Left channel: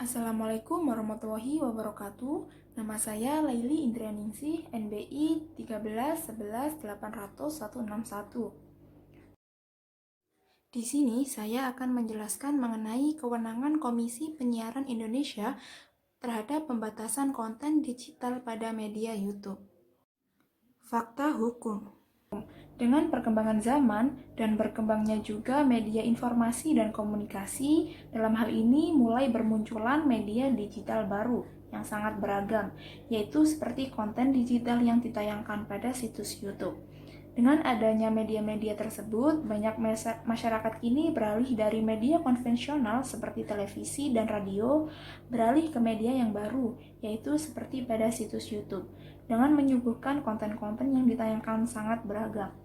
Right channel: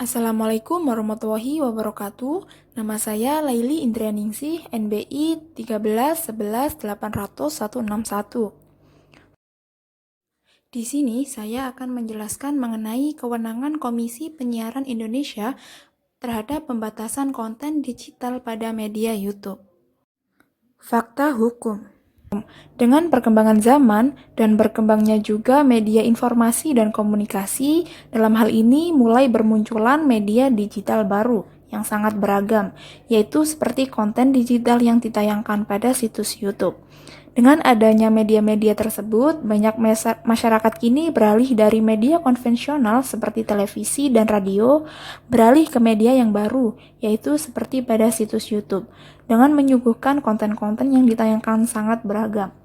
Assalamualaikum warahmatullahi wabarakatuh. Nama saya Laili Indrianingsih, NBI 1311180161. Di sini saya akan menjelaskan mengenai kewenangan Komisi Penyiaran Indonesia terhadap pembatasan konten digital pada media YouTube. Fakta hukum. Dengan perkembangan zaman dan berkembangnya juga media informasi dan komunikasi, dalam hal ini mulai bermunculan media digital baru yang sangat beragam, yaitu seperti konten digital yang ditayangkan pada situs YouTube. Dengan adanya media-media tersebut, banyak masyarakat kini beralih dari media konvensional seperti televisi dan radio, beralih ke media yang baru, yaitu seperti pada situs YouTube, dengan menyuguhkan konten-konten yang ditayangkan sangat beragam.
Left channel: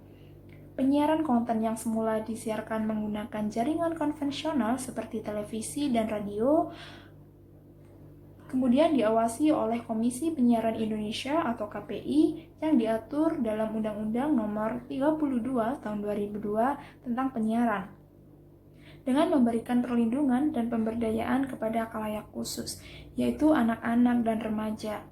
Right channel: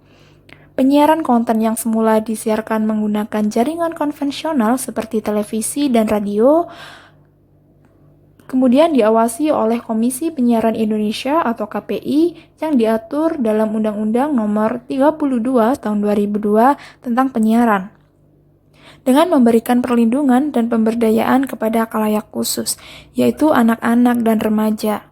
Penyiaran konten yang semula disiarkan menggunakan jaringan konvensional seperti televisi dan radio, kemudian diawasi oleh Komisi Penyiaran Indonesia atau KPI yang diatur dalam Undang-Undang Nomor 32 Tahun 2002 tentang penyiaran, dengan memberikan perlindungan dan pemberdayaan kepada khalayak khusus, yaitu anak-anak dan remaja.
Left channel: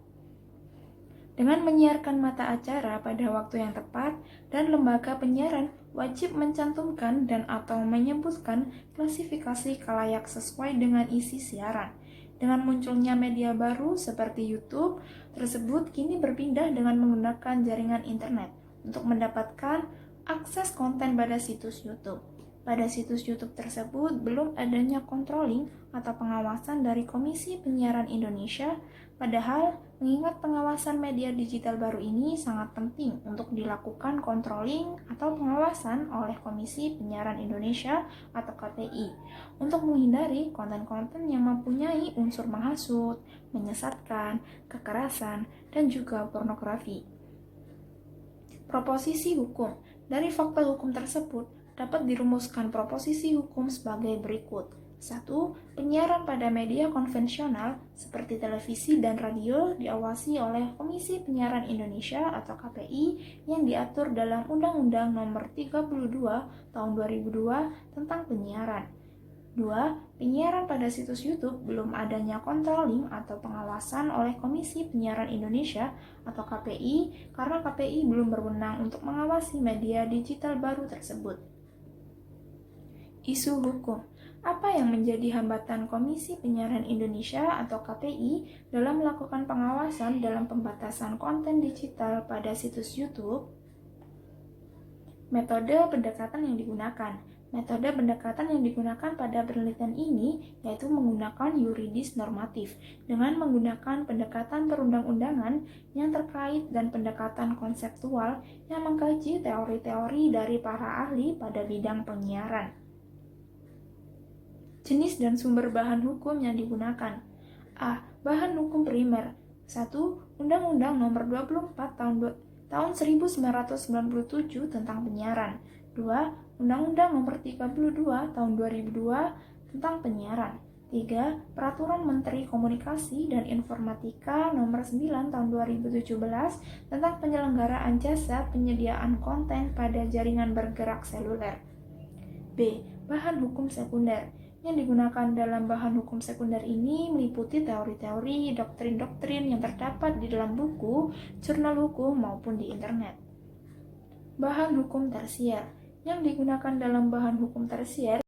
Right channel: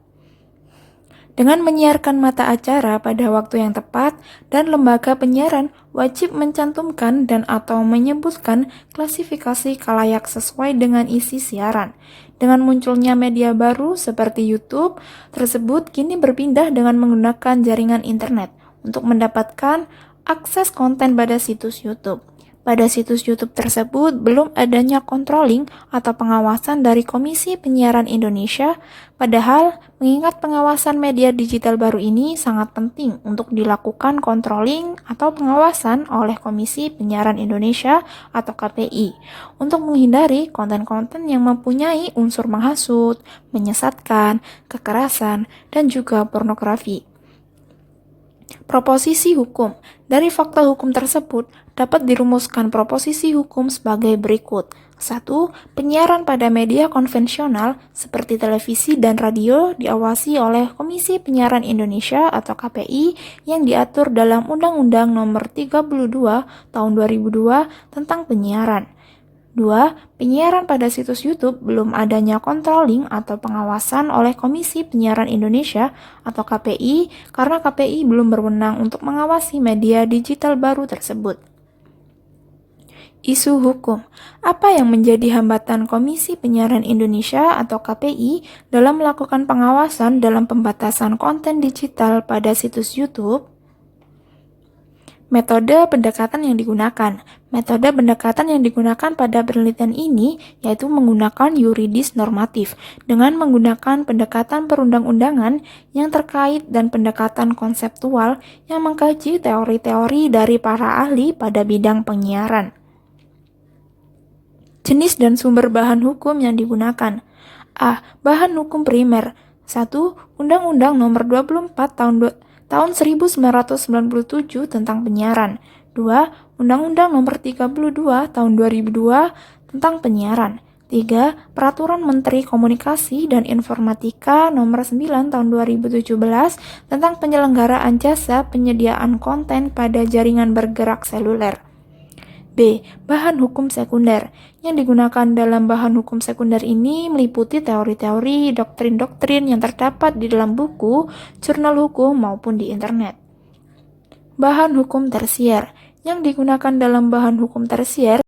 Dengan menyiarkan mata acara pada waktu yang tepat, dan lembaga penyiaran wajib mencantumkan dan atau menyebutkan klasifikasi khalayak sesuai dengan isi siaran. Dengan munculnya media baru seperti YouTube, tersebut kini berpindah dengan menggunakan jaringan internet untuk mendapatkan akses konten pada situs YouTube. Pada situs YouTube tersebut belum adanya controlling atau pengawasan dari Komisi Penyiaran Indonesia, padahal mengingat pengawasan media digital baru ini sangat penting untuk dilakukan controlling atau pengawasan oleh Komisi Penyiaran Indonesia atau KPI untuk menghindari konten-konten yang mempunyai unsur menghasut, menyesatkan, kekerasan, dan juga pornografi. Proposisi hukum. Dari fakta hukum tersebut, dapat dirumuskan proposisi hukum sebagai berikut. 1. Penyiaran pada media konvensional seperti televisi dan radio diawasi oleh Komisi Penyiaran Indonesia atau KPI yang diatur dalam Undang-Undang Nomor 32 Tahun 2002 tentang penyiaran. 2. Penyiaran pada situs YouTube belum adanya controlling atau pengawasan oleh Komisi Penyiaran Indonesia atau KPI karena KPI belum berwenang untuk mengawasi media digital baru tersebut. Isu hukum. Apa yang menjadi hambatan Komisi Penyiaran Indonesia atau KPI dalam melakukan pengawasan dalam pembatasan konten digital pada situs YouTube? Metode pendekatan yang digunakan. Metode pendekatan yang digunakan pada penelitian ini yaitu menggunakan yuridis normatif dengan menggunakan pendekatan perundang-undangan yang terkait dan pendekatan konseptual yang mengkaji teori-teori dari para ahli pada bidang penyiaran. Jenis dan sumber bahan hukum yang digunakan. A. Bahan hukum primer. 1. Undang-Undang Nomor 24 Tahun 1997 tentang penyiaran. 2. Undang-Undang Nomor 32 Tahun 2002 tentang penyiaran. 3. Peraturan Menteri Komunikasi dan Informatika Nomor 9 Tahun 2017 tentang penyelenggaraan jasa penyediaan konten pada jaringan bergerak seluler. B. Bahan hukum sekunder. Yang digunakan dalam bahan hukum sekunder ini meliputi teori-teori, doktrin-doktrin yang terdapat di dalam buku, jurnal hukum, maupun di internet. Bahan hukum tersier. Yang digunakan dalam bahan hukum tersier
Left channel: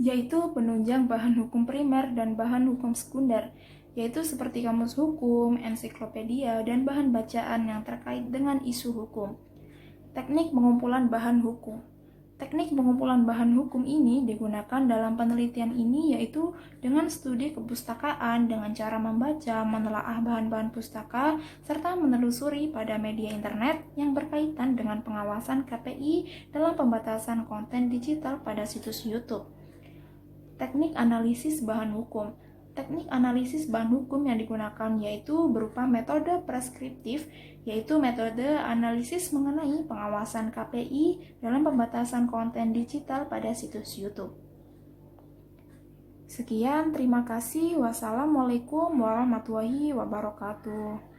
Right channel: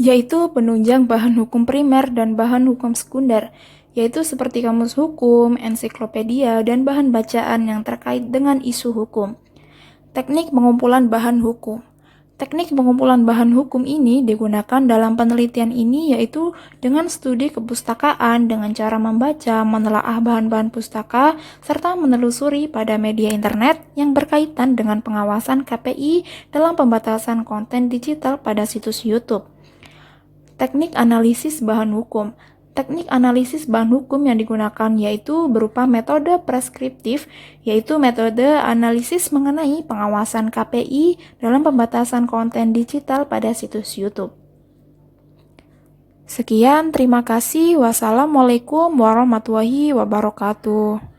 yaitu penunjang bahan hukum primer dan bahan hukum sekunder, yaitu seperti kamus hukum, ensiklopedia, dan bahan bacaan yang terkait dengan isu hukum. Teknik pengumpulan bahan hukum. Teknik pengumpulan bahan hukum ini digunakan dalam penelitian ini yaitu dengan studi kepustakaan dengan cara membaca, menelaah bahan-bahan pustaka, serta menelusuri pada media internet yang berkaitan dengan pengawasan KPI dalam pembatasan konten digital pada situs YouTube. Teknik analisis bahan hukum. Teknik analisis bahan hukum yang digunakan yaitu berupa metode preskriptif, yaitu metode analisis mengenai pengawasan KPI dalam pembatasan konten digital pada situs YouTube. Sekian, terima kasih. Wassalamualaikum warahmatullahi wabarakatuh.